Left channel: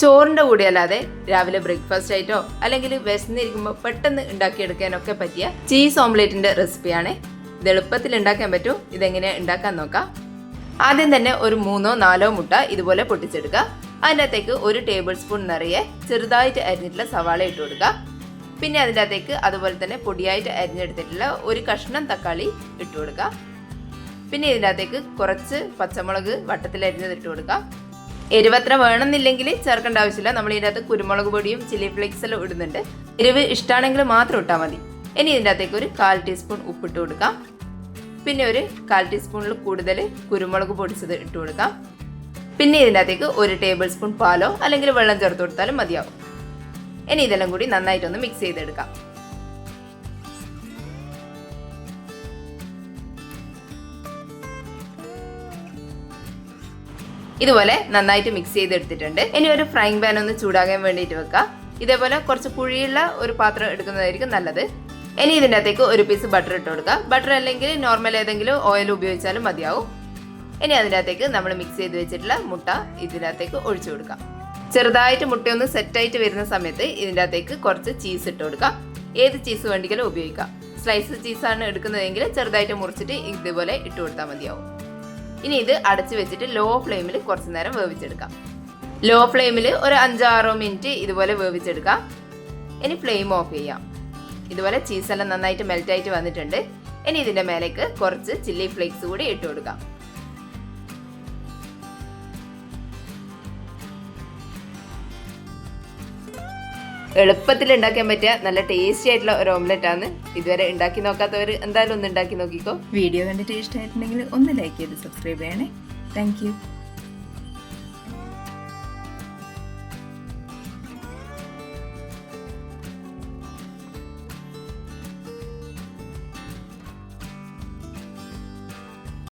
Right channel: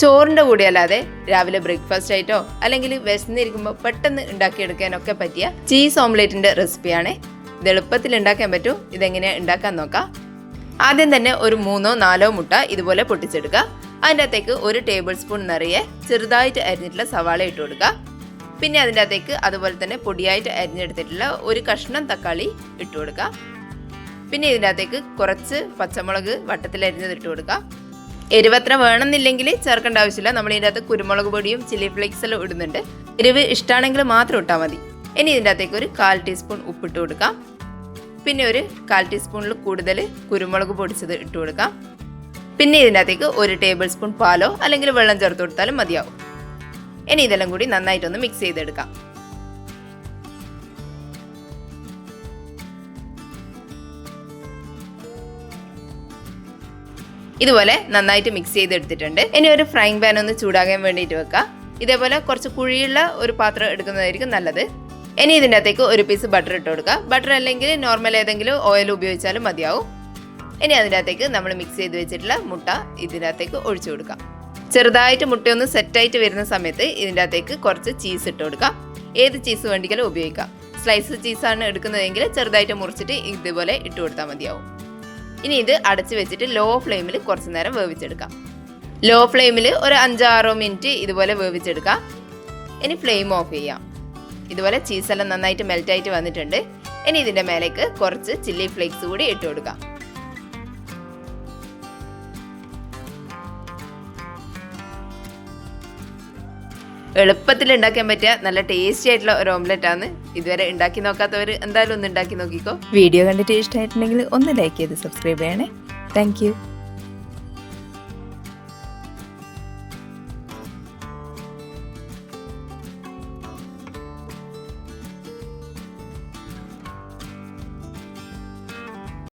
ചോറിൻ്റെ കൂടെ അല്ലാതെ രാവിലെ ബ്രേക്ക്ഫാസ്റ്റ് ആയിട്ടോ അല്ലെങ്കിൽ വിശന്നിരിക്കുമ്പോൾ പെട്ടെന്ന് ഉണ്ടാക്കിയെടുക്കാനൊക്കെ പറ്റിയ ചീസ് ഓംലെറ്റിൻ്റെ റെസിപ്പിയാണ്. ഇത് എളുപ്പത്തിൽ ഉണ്ടാക്കാൻ പറ്റും. ഇതെങ്ങനെയാണ് ഉണ്ടാക്കാൻ നോക്കാം. ആദ്യം തന്നെ ഒരു 3-4 മുട്ട ഇതുപോലെ പൊട്ടിച്ചെടുക്കുക. അതിൻ്റെ അകത്തേക്ക് 1 ടേബിൾ സ്പൂൺ നിറയെ ചെറുതായിട്ട് അരിഞ്ഞിട്ടുള്ള സവാള ഇട്ട് കൊടുക്കുക. പിന്നെ അതിൻ്റെ അകത്തേക്ക് അതുപോലെ തന്നെ പൊടിയായിട്ട് അരിഞ്ഞെടുത്തിട്ടുള്ള ഒരു കഷ്ണം തക്കാളി ഇട്ട് കൊടുക്കുക. പിന്നെ ഇതിൻ്റെ അകത്തേക്ക് കുറച്ച് പച്ചമുളക് വട്ടത്തിൽ അരിഞ്ഞത് ഇട്ട് കൊടുക്കുക. എരിവത്ര വേണമെന്നില്ലെങ്കിൽ ചേർക്കേണ്ട ആവശ്യമില്ല. നമ്മൾ ഇതിൻ്റെ അകത്ത് കുരുമുളക് പൊടിയും ചില്ലി ഫ്ലേക്സ് എല്ലാം ഇടുന്നുണ്ട്. എരിവ് ഇഷ്ടമാണെങ്കിൽ മാത്രം ഇട്ടാൽ മതി. ഇനി ഇതിൻ്റെ അകത്തേക്ക് ഒരു 1/4 ടീസ്പൂൺ ഉപ്പിട്ട് കൊടുക്കാം. പിന്നെ ഒരു 1/4 ടീസ്പൂണിൽ കൂടുതൽ കുരുമുളക് പൊടിച്ചത് ഇട്ട് കൊടുക്കാം. പിന്നെ ഇതിൻ്റെ അകത്തേക്ക് 1 ടേബിൾ സ്പൂൺ പാലോ അല്ലെങ്കിൽ വെള്ളം ചേർത്ത് കൊടുത്താലും മതിയാവും. ഇനി ഇതെല്ലാം കൂടി നന്നായിട്ടൊന്ന് മിക്സ് ചെയ്തെടുക്കാം. ഇതുപോലെ നന്നായിട്ട് മിക്സ് ചെയ്തെടുത്തിട്ടുണ്ട്. ഇനി ഒരു ഫ്രൈങ് പാൻ ഒന്ന് ചൂടാകാൻ വേണ്ടിയിട്ട് വെക്കാം. ഇതേപോലെ കുറച്ച് കുഴിയുള്ള ഒരു പാത്രം എടുക്കുന്നതായിരിക്കും നല്ലത്. ഇനി ഇതിൻ്റെ അകത്തേക്ക് ഒരു പീസ് ബട്ടർ ഇട്ട് കൊടുക്കുക. ബട്ടർ അല്ലെങ്കിൽ നോർമൽ ഏതെങ്കിലും ഓയിൽ ഉപയോഗിച്ചാലും മതിയാവും. ഇനി അതിൻ്റെ അകത്തേക്ക് നമ്മൾ മിക്സ് ചെയ്ത് വെച്ചിട്ടുള്ള മുട്ട ഇതിൻ്റെ അകത്തേക്ക് ഒഴിച്ചു കൊടുക്കാം. ചെറുതായിട്ട് മുട്ടയൊന്ന് സെറ്റായിട്ട് വരുന്ന സമയത്ത് ഇതിൻ്റെ അകത്തേക്ക് കുറച്ച് ചീസ് ഇട്ട് കൊടുക്കാം. ഏത് ചീസ് വേണ്ടിയാലും ഉപയോഗിക്കാം. സ്ലൈസ് ചീസാണ് എടുക്കുന്നതെങ്കിൽ ചെറുതായിട്ട് മുറിച്ചിട്ട് ഇതുപോലെ ഇട്ട് കൊടുത്താൽ മതിയാവും. ഇനി ഇത് അടച്ച് വെച്ചിട്ട് ലോ ഫ്ലെയിമിൽ കുറച്ച് നേരം വേവിച്ചെടുക്കാം. ലോ ഫ്ലെയിമിൽ ഒരു 5-6 മിനിറ്റ് ഇതുപോലെ വേവിച്ചെടുക്കാം. ഇനി ഫ്ലെയിം ഓഫ് ചെയ്യാം. ഇതുപോലെ ചീസെല്ലാം നന്നായിട്ട് മെൽറ്റായിട്ട് വന്നിട്ടുണ്ട്. ഇനി ഇതിൻ്റെ മേലേക്ക് കുറച്ച് ചില്ലി ഫ്ലേക്സ് കൂടി ഇട്ട് കൊടുക്കാം. എളുപ്പത്തിൽ ഉണ്ടാക്കാൻ പറ്റിയ നല്ല ടേസ്റ്റി ആയിട്ടുള്ള ഒരു ഓംലെറ്റ് ആണ്. ഇതുവരെ ഉണ്ടാക്കി നോക്കാത്തവർ എന്തായാലും ഒന്ന് ഉണ്ടാക്കി നോക്കിക്കോ. വീഡിയോ കണ്ടിട്ട് ഇഷ്ടമായിട്ടുണ്ടെങ്കിൽ ഒന്ന് ലൈക്ക് ചെയ്ത് സബ്സ്ക്രൈബ് ചെയ്യണേ. താങ്ക്